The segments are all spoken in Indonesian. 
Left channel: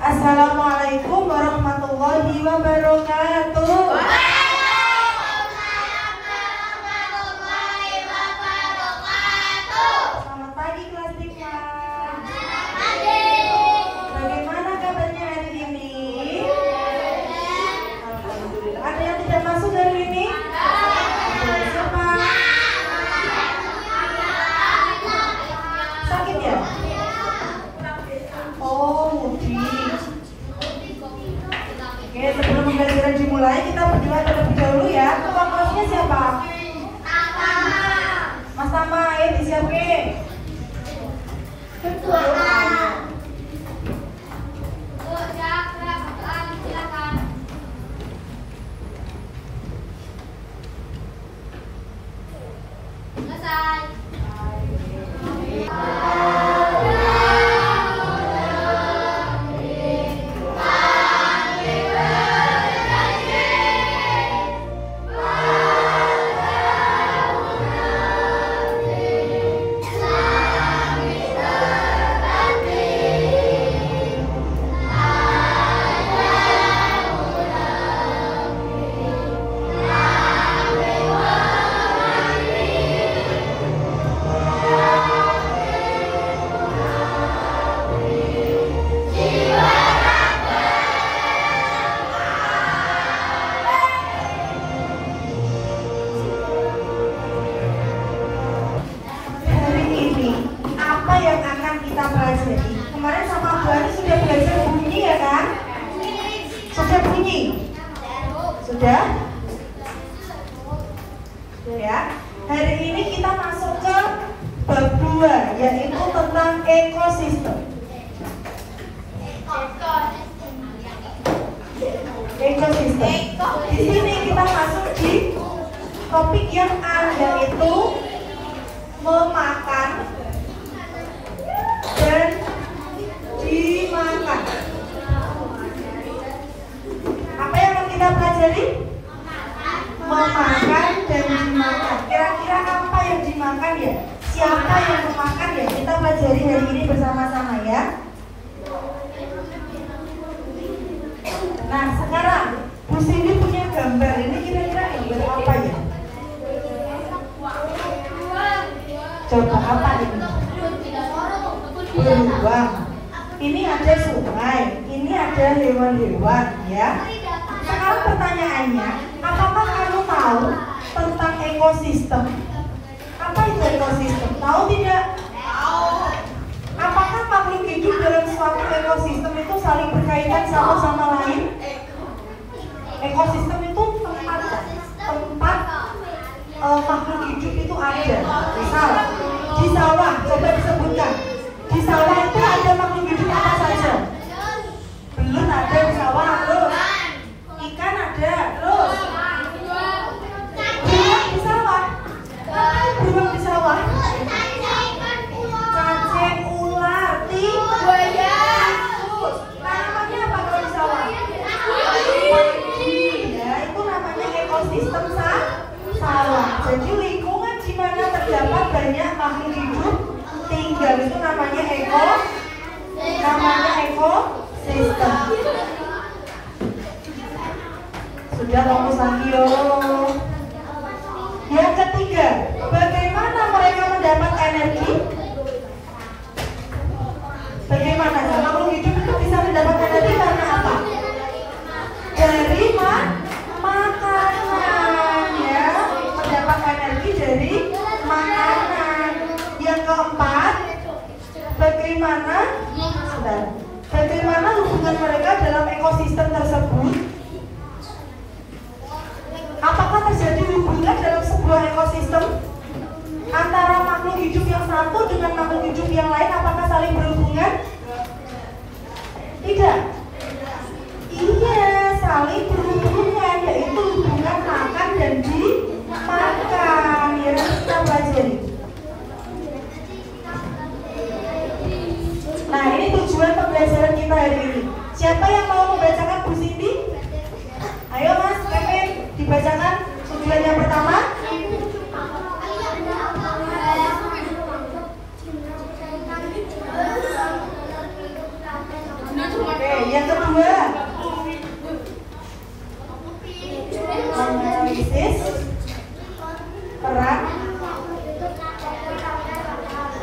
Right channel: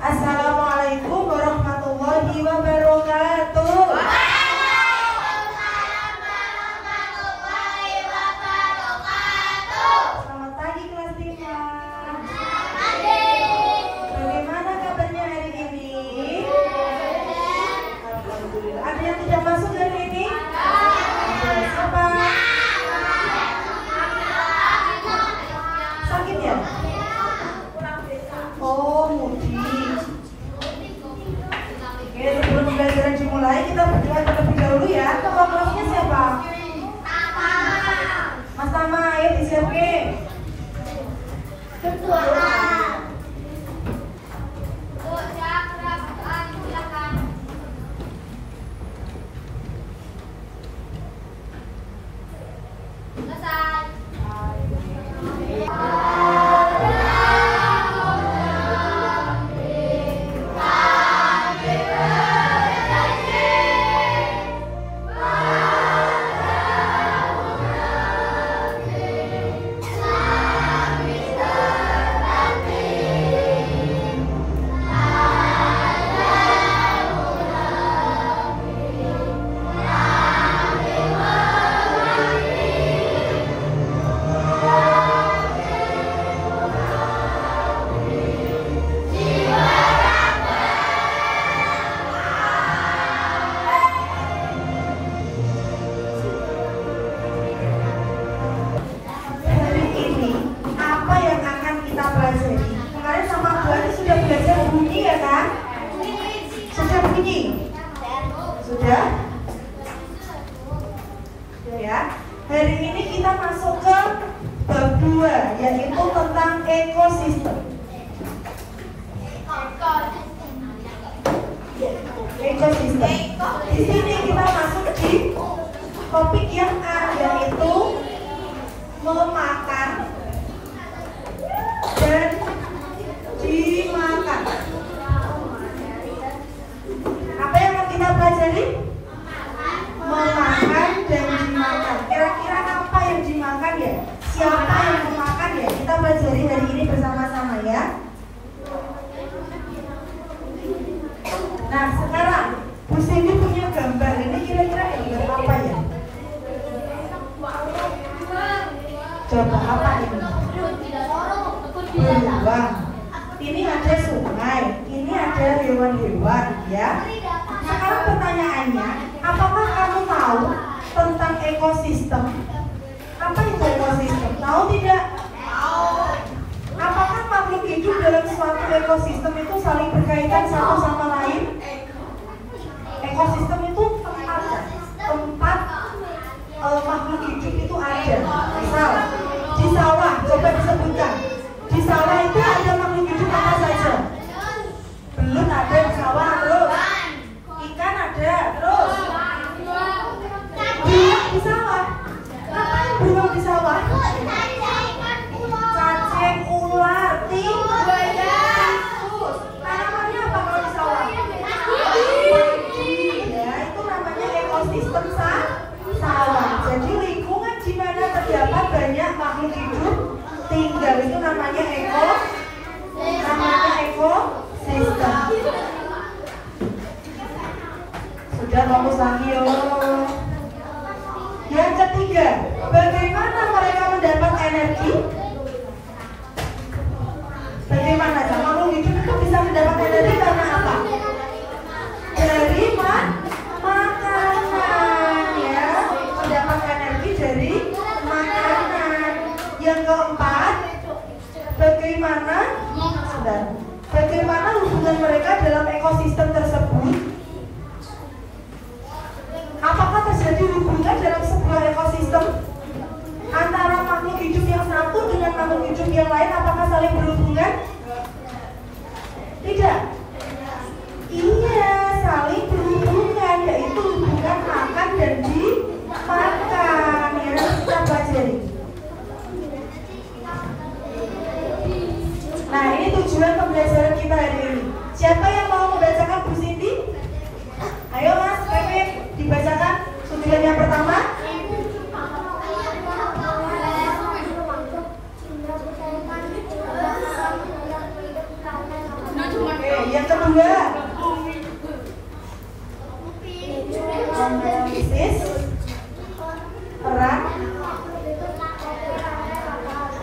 Assalamualaikum warahmatullahi wabarakatuh. Selamat pagi kelas 5. Bagaimana kabarnya hari ini? Alhamdulillah. Ada yang tidak masuk hari ini? Ada. Siapa? Sakit ya? Oh, mudik. Oke, sebelum pembelajaran dimulai, kita berdoa terlebih dahulu ya. Kelompoknya siapa? Mas Tama, ayo disiapin. Berdoa. Sudah? Ya. Hari ini kita masuk ke bab 2, yaitu tentang ekosistem. Ekosistem. Di sini kita masuk di topik yang A, yaitu memakan dan dimakan. Apa yang akan kita pelajari? Memakan dan dimakan. Kira-kira apa yang dimakan ya? Siapa yang memakan ya? Kita pelajari hari ini bersama-sama ya. Nah, sekarang Bu Cindy punya gambar. Ini kira-kira gambar apa ya? Coba apa ini? Beruang. Ini ada sungai. Ini ada hewan-hewan ya. Sekarang pertanyaannya, apakah kamu tahu tentang ekosistem? Apa itu ekosistem? Tahu tidak? Apakah makhluk hidup dalam suatu ekosistem itu saling berkaitan satu sama lain? Ekosistem itu tempat makhluk hidup itu ada. Misal di sawah, coba disebutkan. Di sawah itu ada makhluk hidup apa saja? Belum ada di sawah, terus ikan ada, terus beruang di sawah. Apa beruang di sawah? Cacing, ular, tikus. Tanamannya apa kalau di sawah? Padi, ya itu namanya ekosistem sawah. Jadi lingkungan di mana terdapat banyak makhluk hidup tinggal itu namanya ekosistem. Sudah fokus lagi yuk. Yang ketiga, bagaimana mereka mendapat energi? Bagaimana ya? Makhluk hidup itu bisa mendapat energi karena apa? Dari makanan ya. Mendapat energi dari makanan. Yang keempat, bagaimana hubungan mereka dalam ekosistem tersebut? Apakah terjadi hubungan dalam sebuah ekosistem? Yang kedua, analisis peran.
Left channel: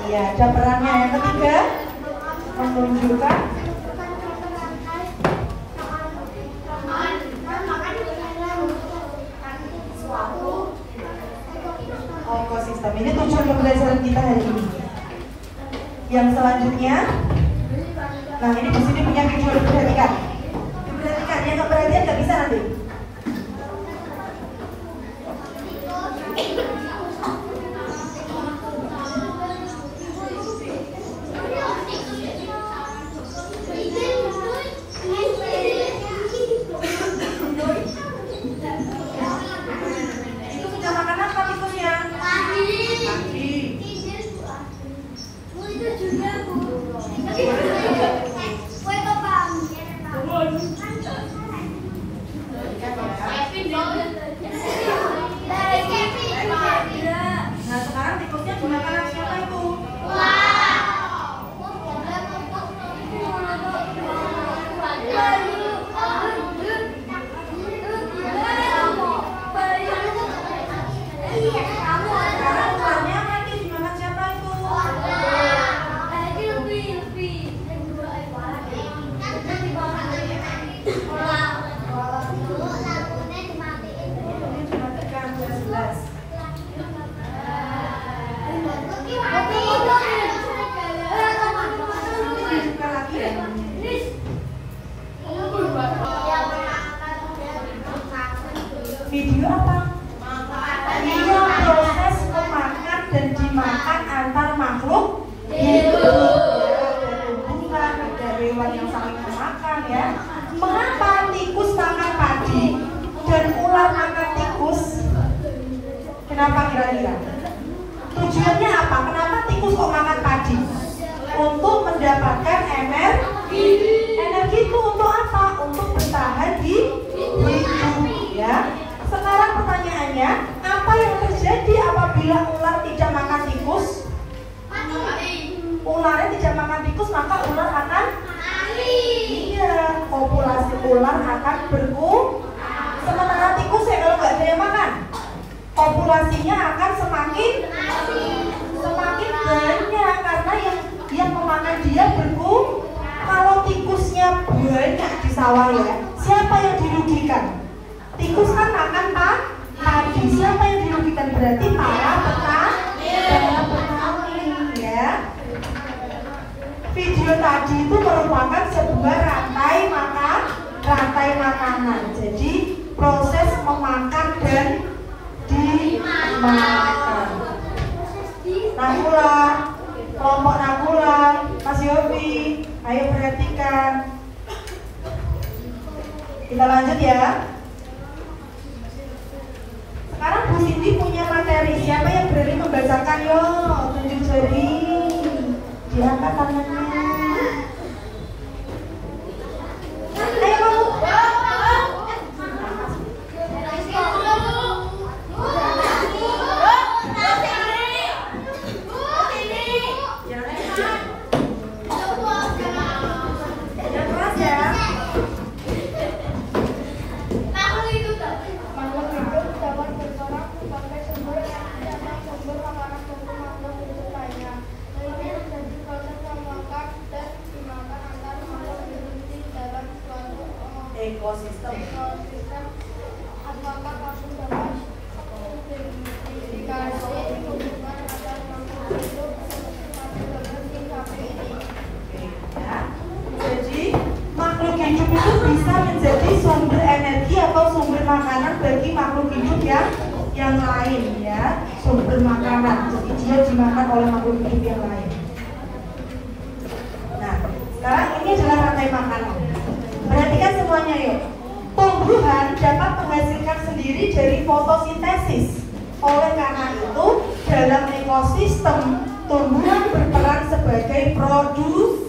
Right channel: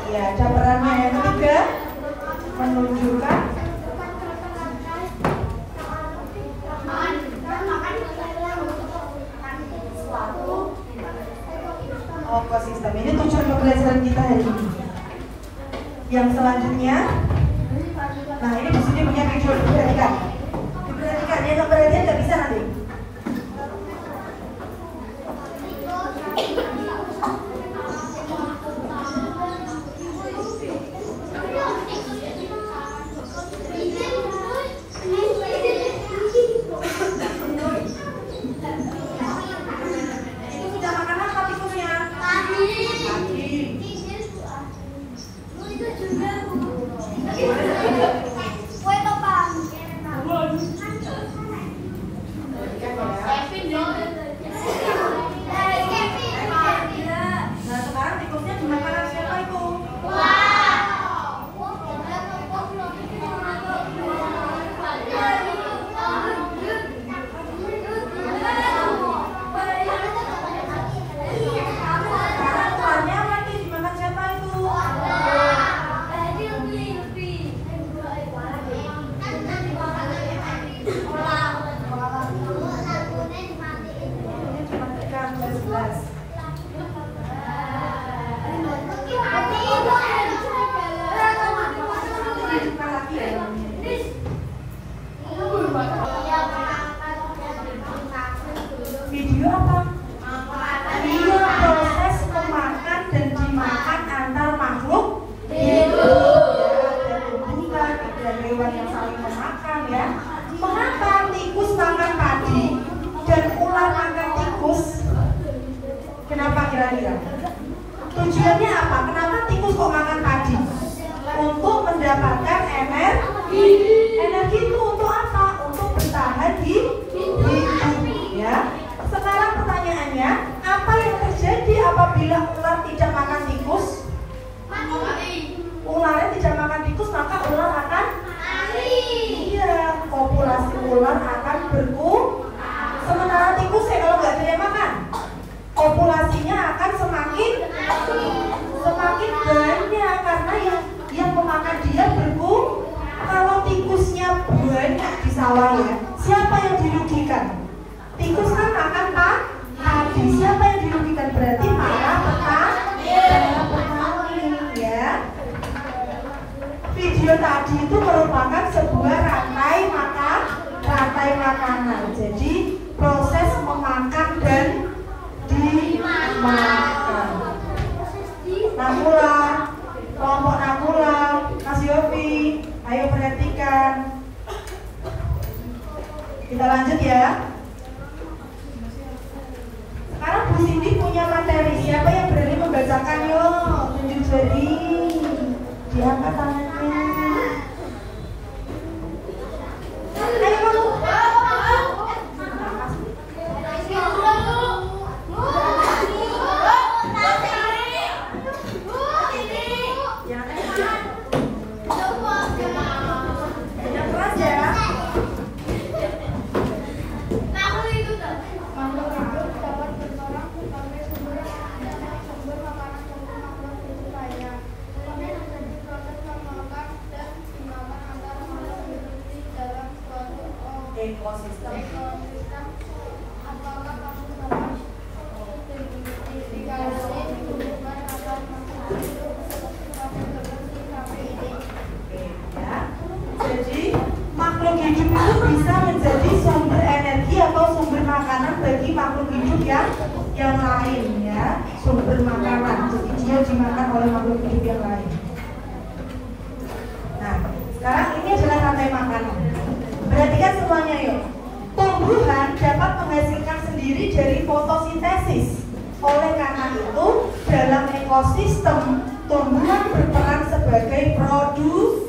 Iya, ada perannya. Yang ketiga, menunjukkan ekosistem. Ini tujuan pembelajaran kita hari ini. Yang selanjutnya, nah ini di sini punya video, diperhatikan. Diperhatikan, yang nggak perhatian nggak bisa nanti. Nah sekarang tikusnya dimakan siapa itu? Video apa? Video proses memakan dan dimakan antar makhluk hidup. Bukan ada hewan yang saling memakan ya. Mengapa tikus makan padi dan ular makan tikus? Kenapa kira-kira? Tujuannya apa? Kenapa tikus kok makan padi? Untuk mendapatkan energi. Energi itu untuk apa? Untuk bertahan di hidup ya. Sekarang pertanyaannya, apa yang terjadi apabila ular tidak makan tikus? Ularnya tidak makan tikus, maka ular akan mati. Iya, populasi ular akan berkurang. Sementara tikus ya kalau nggak dia makan, populasinya akan semakin banyak karena yang memakan dia berkurang. Kalau tikusnya banyak di sawah ya, siapa yang dirugikan? Tikus kan makan padi. Siapa yang dirugikan? Berarti para petani ya. Video tadi itu merupakan sebuah rantai makanan. Jadi proses memakan dan dimakan. Nakula, kelompok Nakula, Mas Yofi, ayo perhatikan. Kita lanjut ya. Sekarang Bu Cindy punya materi. Siapa yang berani membacakan? Yo, tunjuk jari. Diangkat tangannya. Ayo kamu. Jangan keras ya. Ekosistem. Jadi makhluk hidup itu bisa menjadi sumber energi atau sumber makanan bagi makhluk hidup yang lain ya, sumber makanan. Jadi dia dimakan oleh makhluk hidup yang lain. Nah, sekarang ini adalah rantai makanan. Perhatikan semuanya yuk. Tumbuhan dapat menghasilkan sendiri dari fotosintesis. Oleh karena itu, dalam ekosistem, tumbuhan berperan sebagai produsen.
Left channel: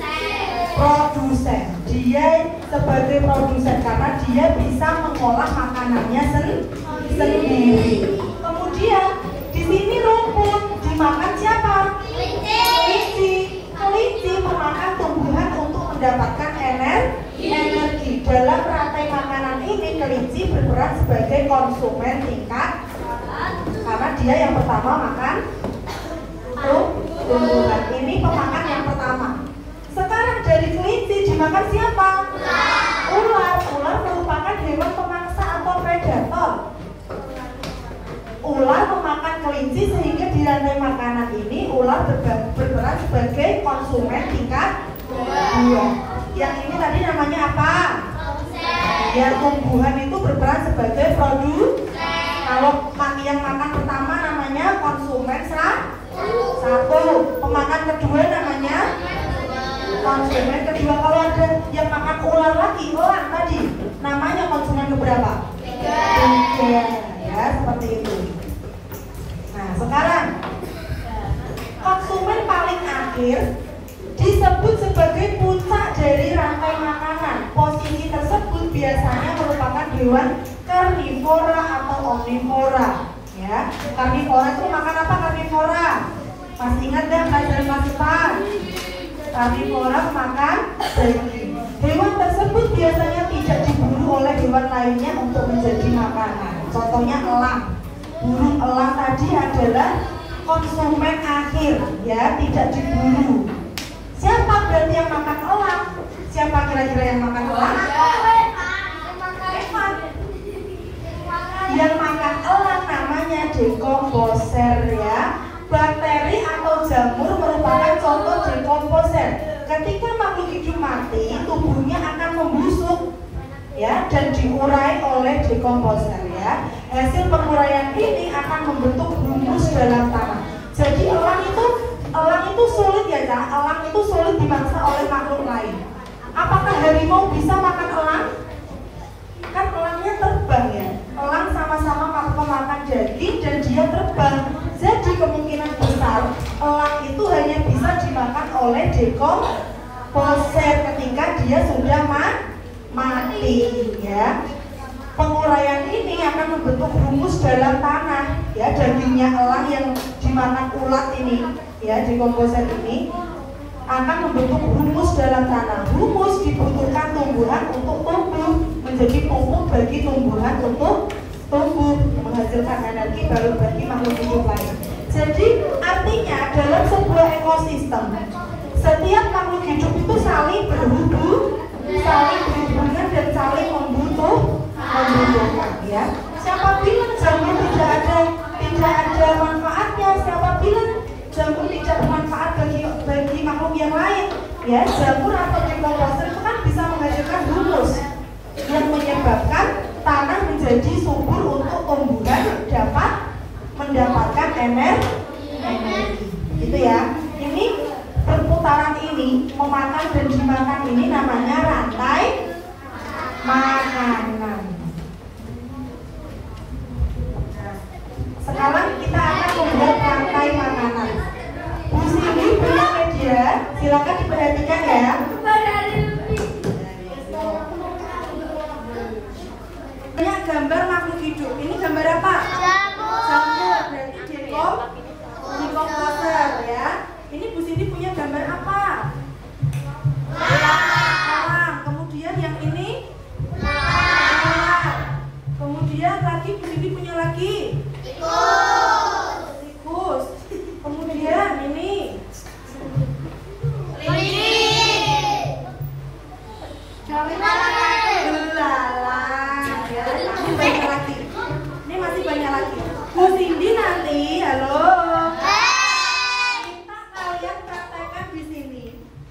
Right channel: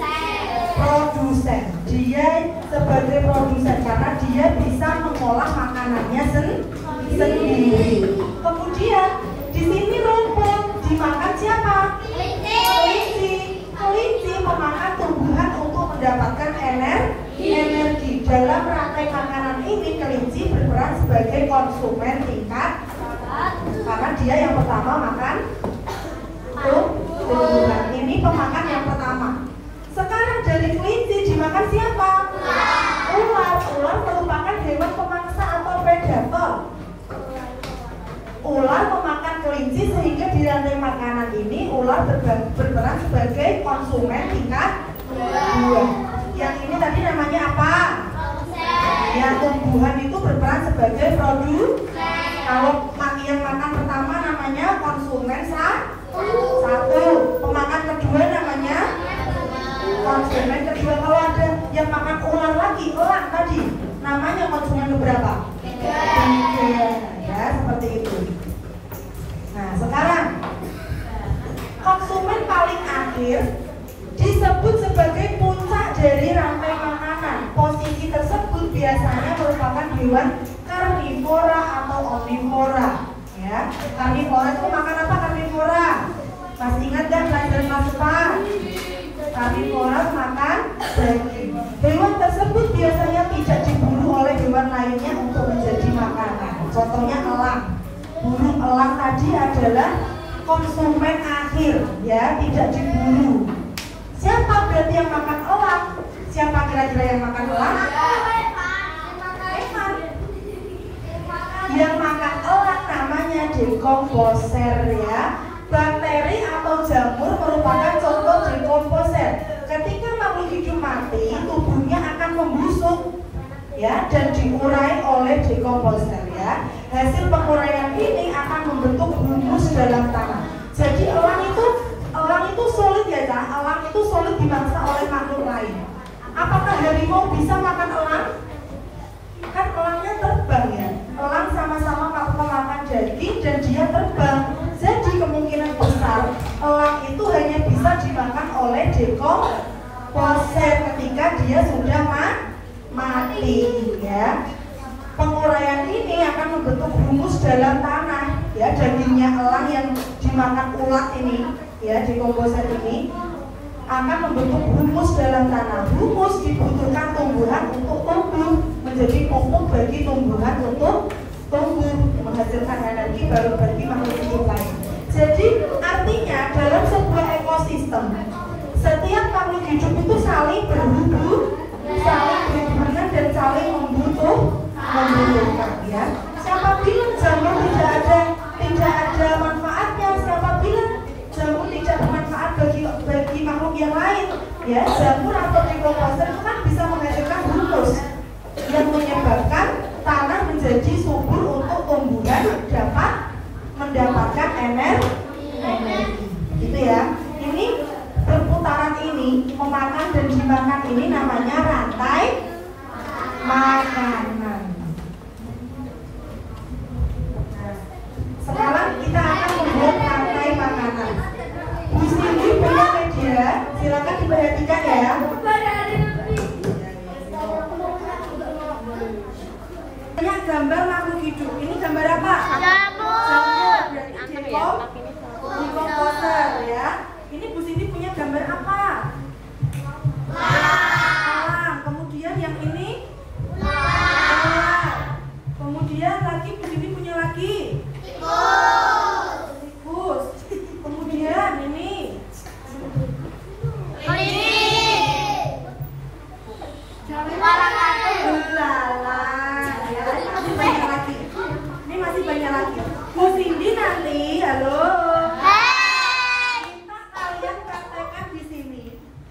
Dia sebagai produsen karena dia bisa mengolah makanannya sendiri. Kemudian di sini rumput dimakan siapa? Kelinci. Kelinci memakan tumbuhan untuk mendapatkan energi. berperan sebagai konsumen tingkat karena dia yang pertama makan tumbuhan. Ini pemakan yang pertama. Sekarang dari kelinci dimakan siapa? Ular. Ular merupakan hewan pemangsa atau predator. Ular memakan kelinci sehingga di rantai makanan ini ular berperan sebagai konsumen tingkat 2. Yang ini tadi namanya apa? Ya, tumbuhan itu berperan sebagai produsen. Kalau yang makan pertama namanya konsumen 1. Pemakan kedua namanya konsumen kedua. Kalau ada yang makan ular lagi, elang tadi, namanya konsumen berapa? 3. Ya, seperti itu. Nah, sekarang konsumen paling akhir disebut sebagai puncak dari rantai makanan. Posisi tersebut biasanya merupakan hewan karnivora atau omnivora. Ya, karnivora itu makan apa karnivora? Masih ingat kan belajar kelas 4? Karnivora makan daging. Hewan tersebut biasanya tidak diburu oleh hewan lainnya untuk menjadi makanan. Contohnya elang. Burung elang tadi adalah konsumen akhir, ya, tidak diburu. Siapa berarti yang makan elang? Siapa kira-kira yang makan elang? Hewan. Yang makan elang namanya dekomposer, ya. Bakteri atau jamur merupakan contoh dekomposer. Ketika makhluk hidup mati, tubuhnya akan membusuk, ya, dan diurai oleh dekomposer, ya. Hasil penguraian ini akan membentuk humus dalam tanah. Jadi elang itu sulit, ya, elang itu sulit dimangsa oleh makhluk lain. Apakah harimau bisa makan elang? Kan elangnya terbang, ya. Elang sama-sama makan daging dan dia terbang. Jadi kemungkinan besar elang itu hanya bisa dimakan oleh dekomposer ketika dia sudah mati, ya. Penguraian ini akan membentuk humus dalam tanah, ya. Dagingnya elang yang dimakan ulat ini, ya, dekomposer ini akan membentuk humus dalam tanah. Humus dibutuhkan tumbuhan untuk tumbuh, menjadi pupuk bagi tumbuhan untuk tumbuh, menghasilkan energi baru bagi makhluk hidup lain. Jadi artinya dalam sebuah ekosistem setiap makhluk hidup itu saling berhubungan dan saling membutuhkan, ya. Siapa bilang jamur tidak ada manfaatnya? Siapa bilang jamur tidak bermanfaat bagi makhluk yang lain? Ya, jamur atau dekomposer itu kan bisa menghasilkan humus yang menyebabkan tanah menjadi subur untuk tumbuhan dapat mendapatkan energi. Gitu, ya. Ini perputaran ini, memakan dan dimakan ini namanya rantai makanan. Nah, sekarang kita akan membuat rantai makanan. Bu Cindy punya media, silakan diperhatikan, ya. Banyak gambar makhluk hidup. Ini gambar apa? Jamur. Berarti dekomposer, ya. Ini Bu Cindy punya gambar apa? Elang. Kemudian yang ini? Ular. Kemudian lagi Bu Cindy punya lagi? Tikus. Kemudian ini? Belalang, ya. Masih banyak lagi. Ini masih banyak lagi. Bu Cindy nanti, halo. Minta kalian praktekkan di sini,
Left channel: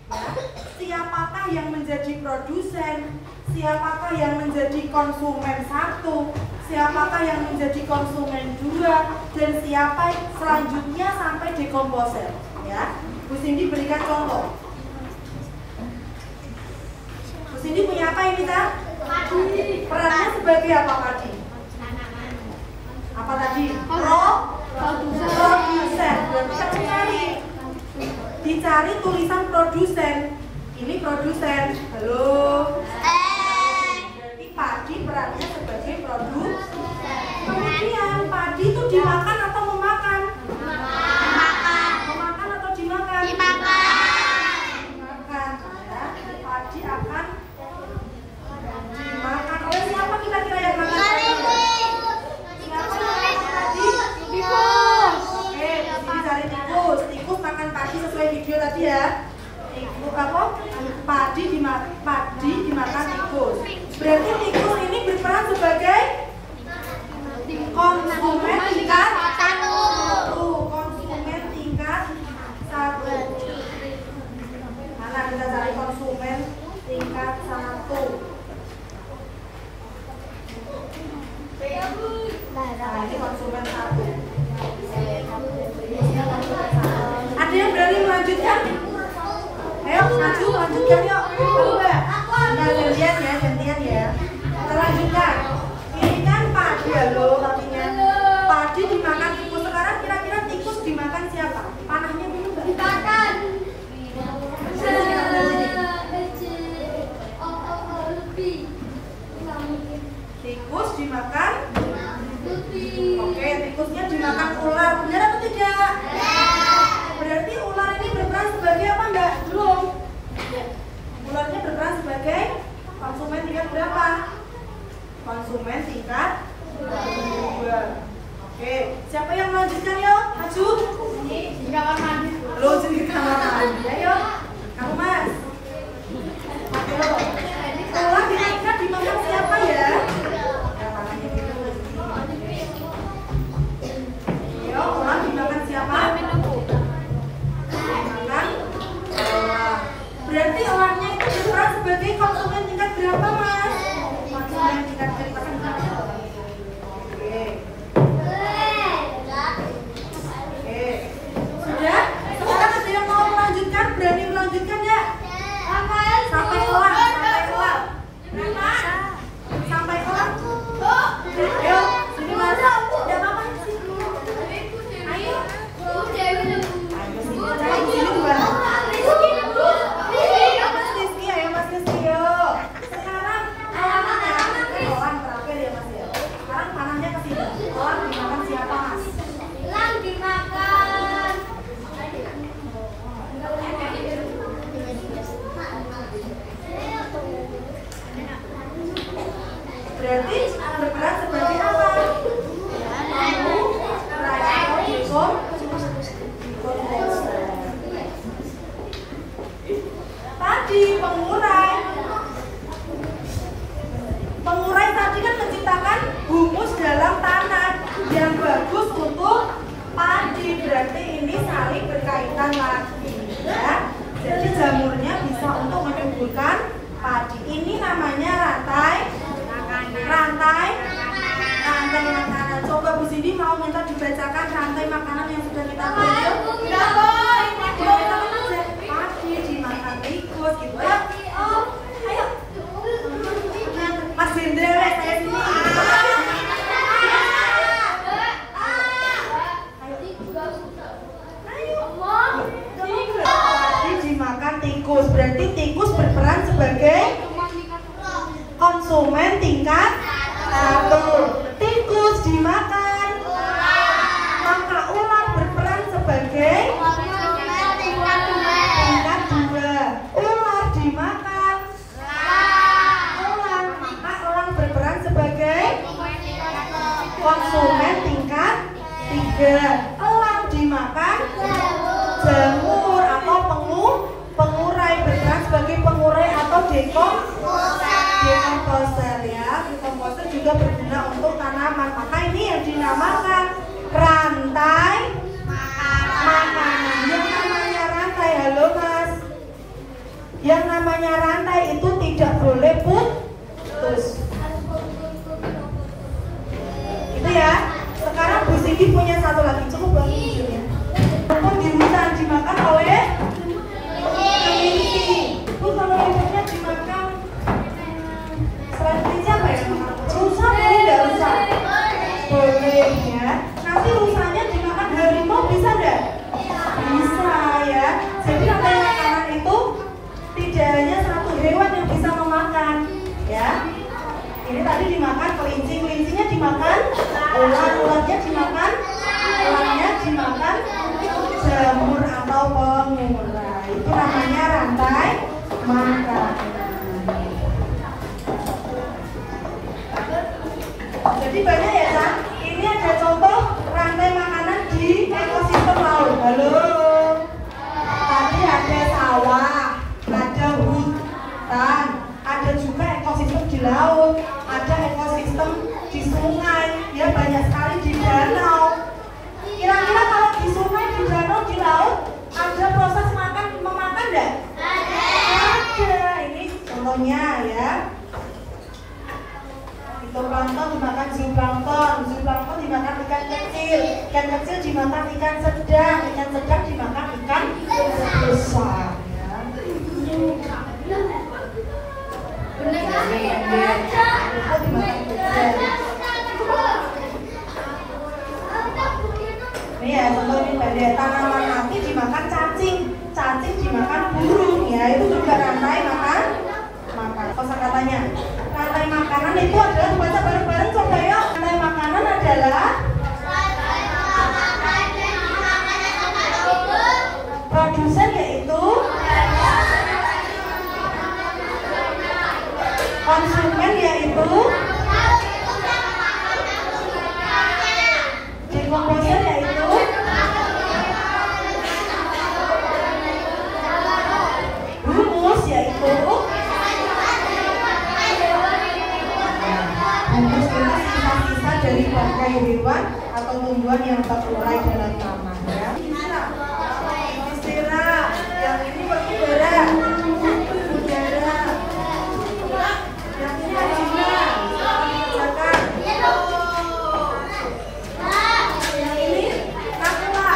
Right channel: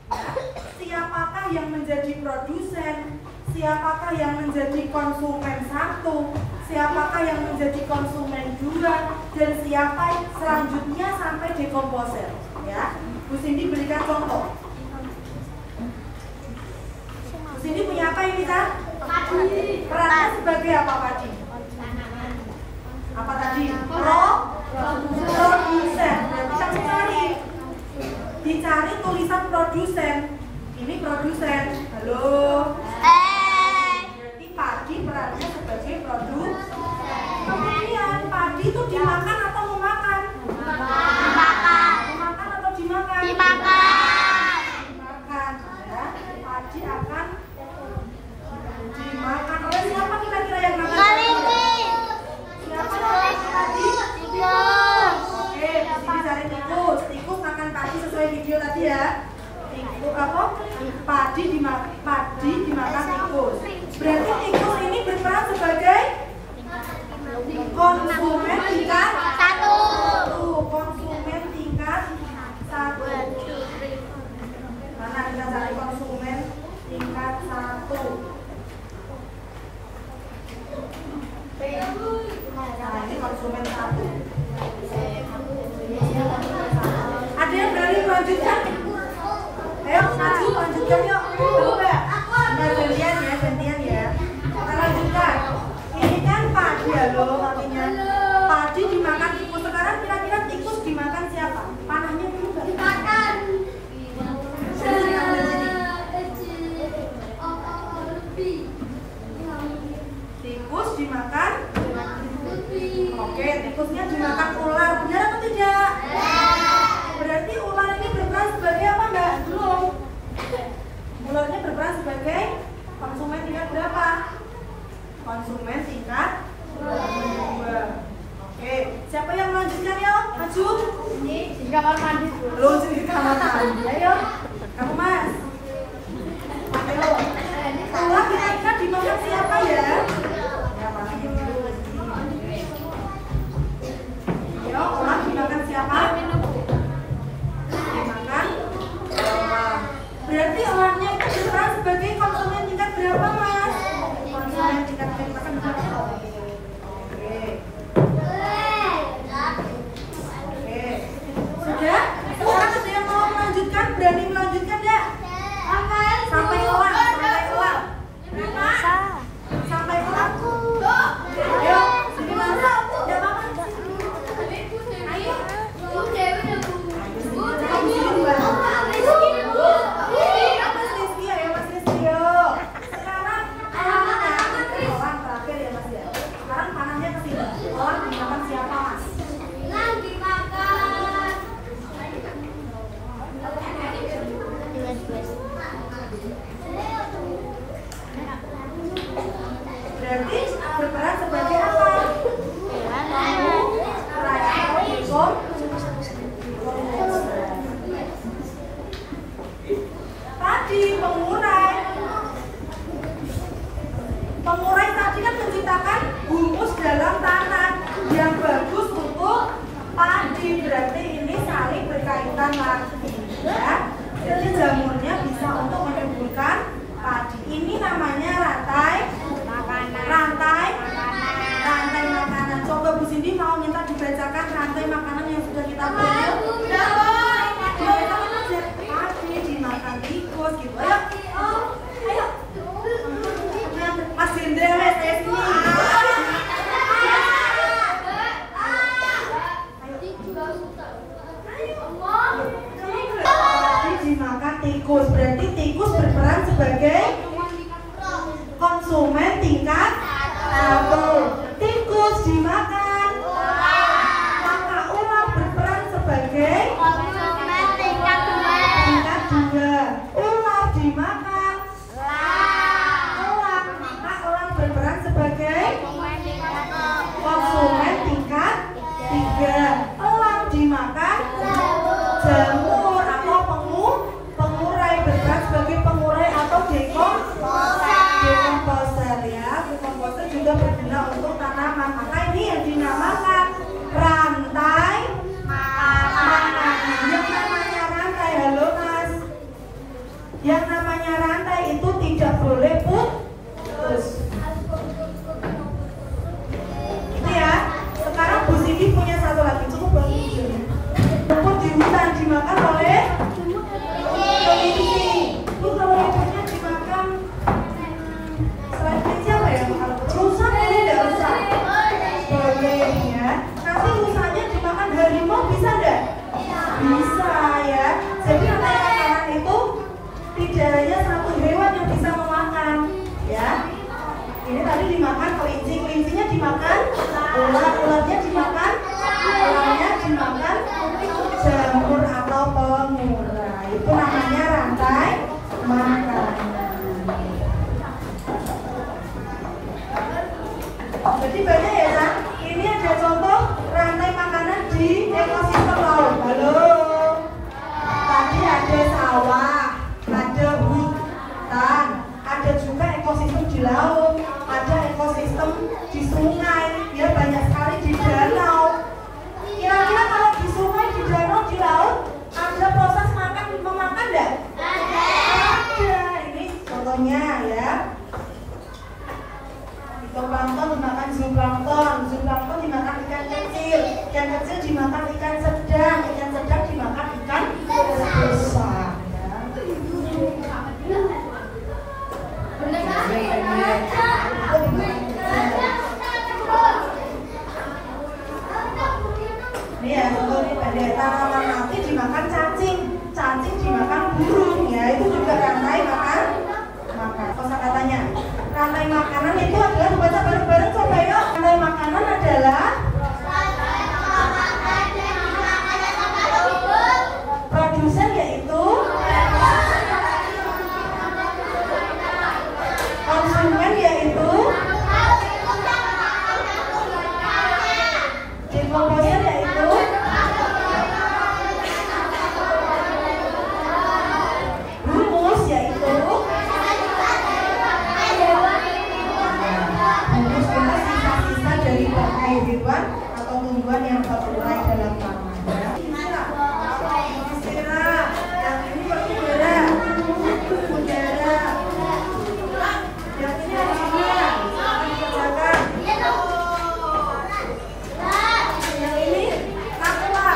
ya. Siapakah yang menjadi produsen? Siapakah yang menjadi konsumen 1? Siapakah yang menjadi konsumen 2? Dan siapa selanjutnya sampai dekomposer, ya. Bu Cindy berikan contoh. Bu Cindy punya apa ini, Kak? Perannya sebagai apa tadi? Apa tadi? Produsen. Berarti kita dicari tulisan produsen. Ini produsen. Halo. Berarti padi perannya sebagai produsen. Kemudian padi itu dimakan atau memakan? Dimakan. Memakan atau dimakan? Dimakan. Dimakan, ya. Padi akan dimakan oleh siapa kira-kira yang makan? Kelinci. Berarti tikus ini berperan sebagai konsumen tingkat 1. Konsumen tingkat 1. Mana kita cari konsumen tingkat 1? Nah, ini konsumen 1. Ada yang berani melanjutkan? Ayo, maju, lanjutkan yuk. Ayo, Mbak. Nah, gantian ya. Kita lanjutkan. Ini kan padi ya loh, artinya padi dimakan tikus. Sekarang kira-kira tikus dimakan siapa? Panahnya dulu Mbak. Dimakan. Tikus dimakan. Oke, tikusnya dimakan ular. Benar atau tidak? Berarti ular ini berperan sebagai apa Mbak? Belum. Ularnya berperan sebagai konsumen tingkat berapa? Konsumen tingkat 2. Oke, siapa yang melanjutkan yuk? Maju. Ini di kamar mandi. Lo di kamar mandi. Ayo. Kamu Mas. Ayo. Ular kira-kira dimakan siapa ya? Ayo, ular dimakan siapa? Dimakan ular. Berarti ularnya itu berperan sebagai konsumen tingkat berapa Mas? Konsumen tingkat berapa? Oke. Sudah? Sekarang ada yang mau melanjutkan? Berani melanjutkan ya? Sampai ulang, sampai ulang. Ayo, sini Mas. Ya apa sih? Ayo. Sini dua. Mas Rizky, ayo Mas Rizky yuk. Sekarang panahnya orang terakhir ya Mas ya. Sekarang panahnya ke sini. Orang dimakan siapa Mas? Berarti berperan sebagai apa? Tadi pengurai. Pengurai tadi kan menciptakan humus dalam tanah yang bagus untuk padi. Berarti ini saling berkaitan lagi ya. Jadi jamurnya bisa untuk menyuburkan padi. Ini namanya rantai makanan. Coba Bu Cindy mau minta dibacakan rantai makanan yang sudah kita buat yuk. Dibacakan aja. Padi dimakan tikus gitu. Ayo. Mas Hendra, saya sini. Padi dimakan tikus. Berarti tikus berperan sebagai konsumen tingkat 1. Tikus dimakan maka ular berperan sebagai Konsumen tingkat 2. Ular dimakan elang maka elang berperan sebagai konsumen tingkat 3. Elang dimakan jamur atau pengurai berperan sebagai pengurai atau dekomposer ya. Dekomposer juga berguna untuk tanaman. Maka ini yang dinamakan rantai makanan. Yang namanya rantai, halo Mas. Yang namanya rantai itu tidak boleh putus. Itu ya. Sekarang Bu Cindy punya satu lagi. Cukup belum videonya? Rumput di hutan dimakan oleh kelinci. Bu, kalau rumputnya dimakan selain kelinci apa ya? Rusa boleh nggak rusa? Boleh ya. Nanti rusanya dimakan harimau bisa nggak? Bisa ya. Jadi rantai makanan itu tidak hanya satu hewan yang bisa memakan ya. Ini tadi dimakan kelinci, kelincinya dimakan ular, ularnya dimakan, ularnya dimakan jamur atau pengurai. Itu namanya rantai makanan. Jadi banyak ya San. Ini ada contoh rantai makanan di ekosistem laut. Halo. Tadi ada sawah, ada hutan, ada juga ekosistem di di laut, ada ekosistem di sungai, ya banyak sekali di danau. Kira-kira kalau di sungai, di danau, di laut ada proses memakan enggak? Ada. Ini contohnya ya. Zooplankton dimakan zooplankton, zooplankton dimakan ikan kecil dimakan ikan sedang dimakan ikan besar. Ini ya contohnya tanaman mati dimakan cacing dimakan burung, ya itu juga rantai makan. Kosakatanya rantai makanan itu adalah, baca bareng-bareng coba ya. Rantai makanan adalah produsen, yaitu konsumen, yaitu dekomposer, yaitu humus, yaitu sisa-sisa dari bangkai hewan atau tumbuhan yang terurai dalam tanah. Ya. Istilah yang ini berudara, yang ini adina, dikerjakan. Yang ini nakwa.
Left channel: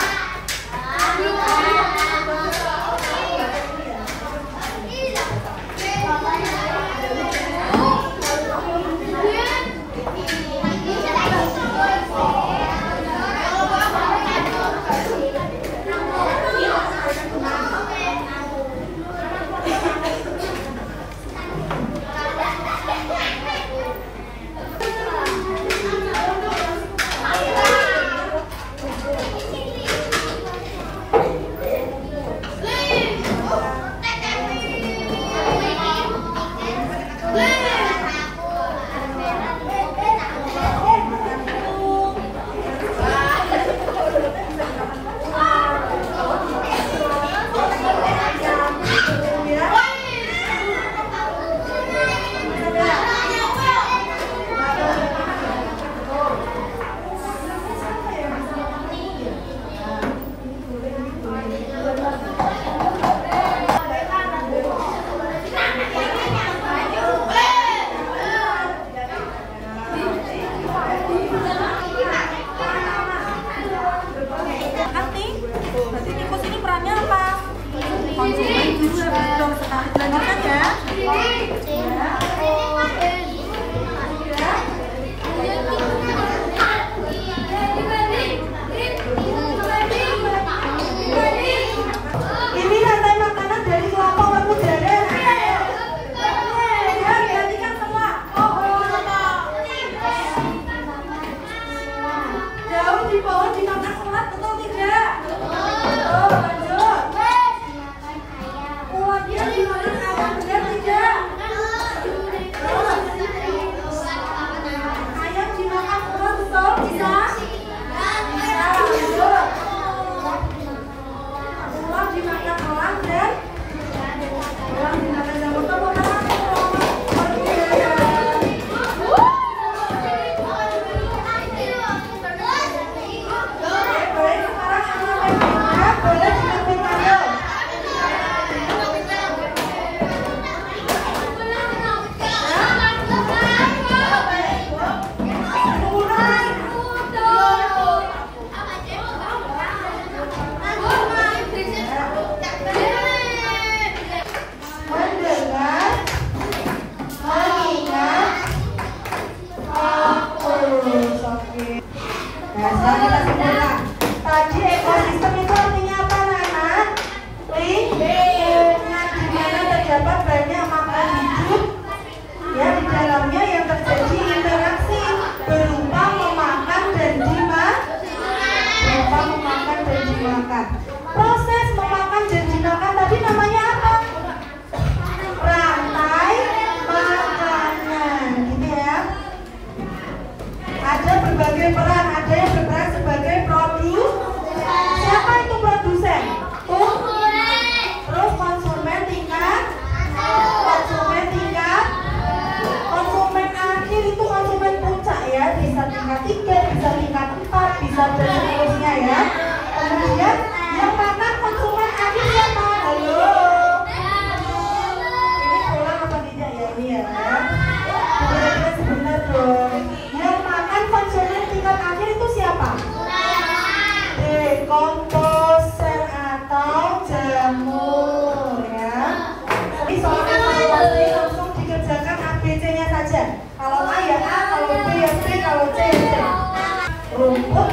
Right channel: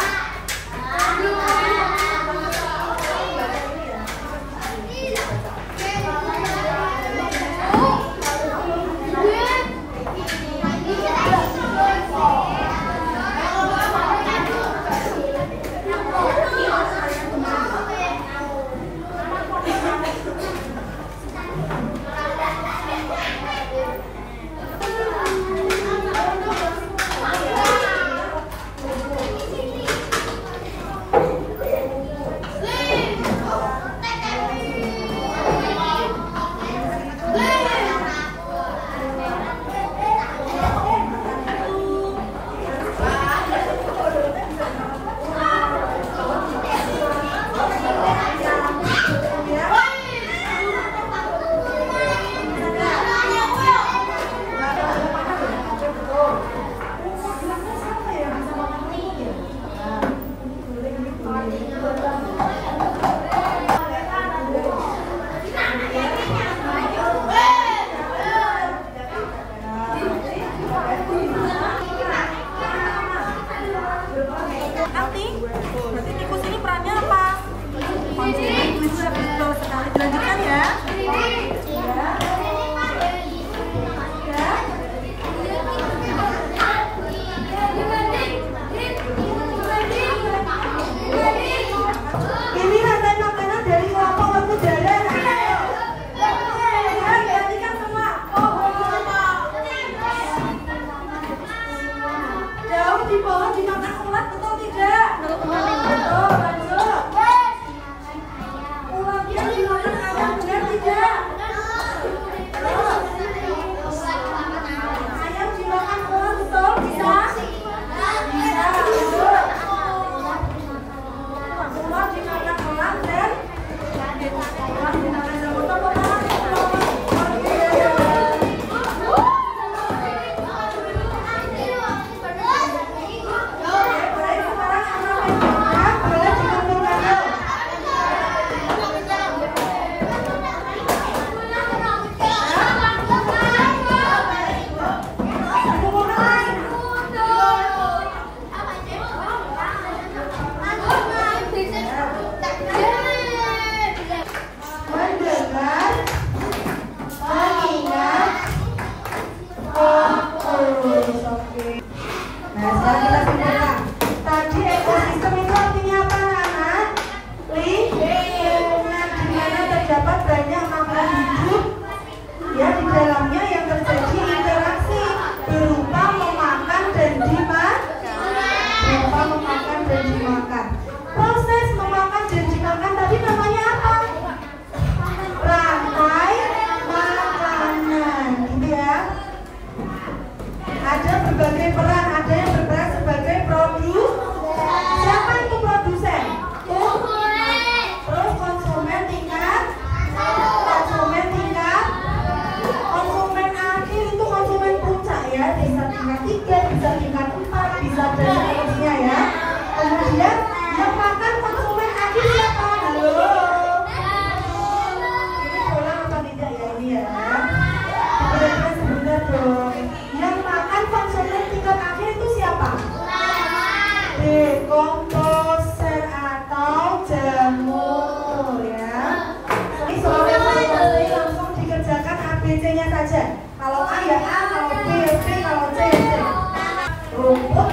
dong. Yang makan konsumen tingkat akhir itu siapa? D. Komposer atau jamur ya. Ini soalnya langsung dikerjakan ABC-nya saja. Kalau A ya A, kalau B ya B, kalau C ya C. Rumput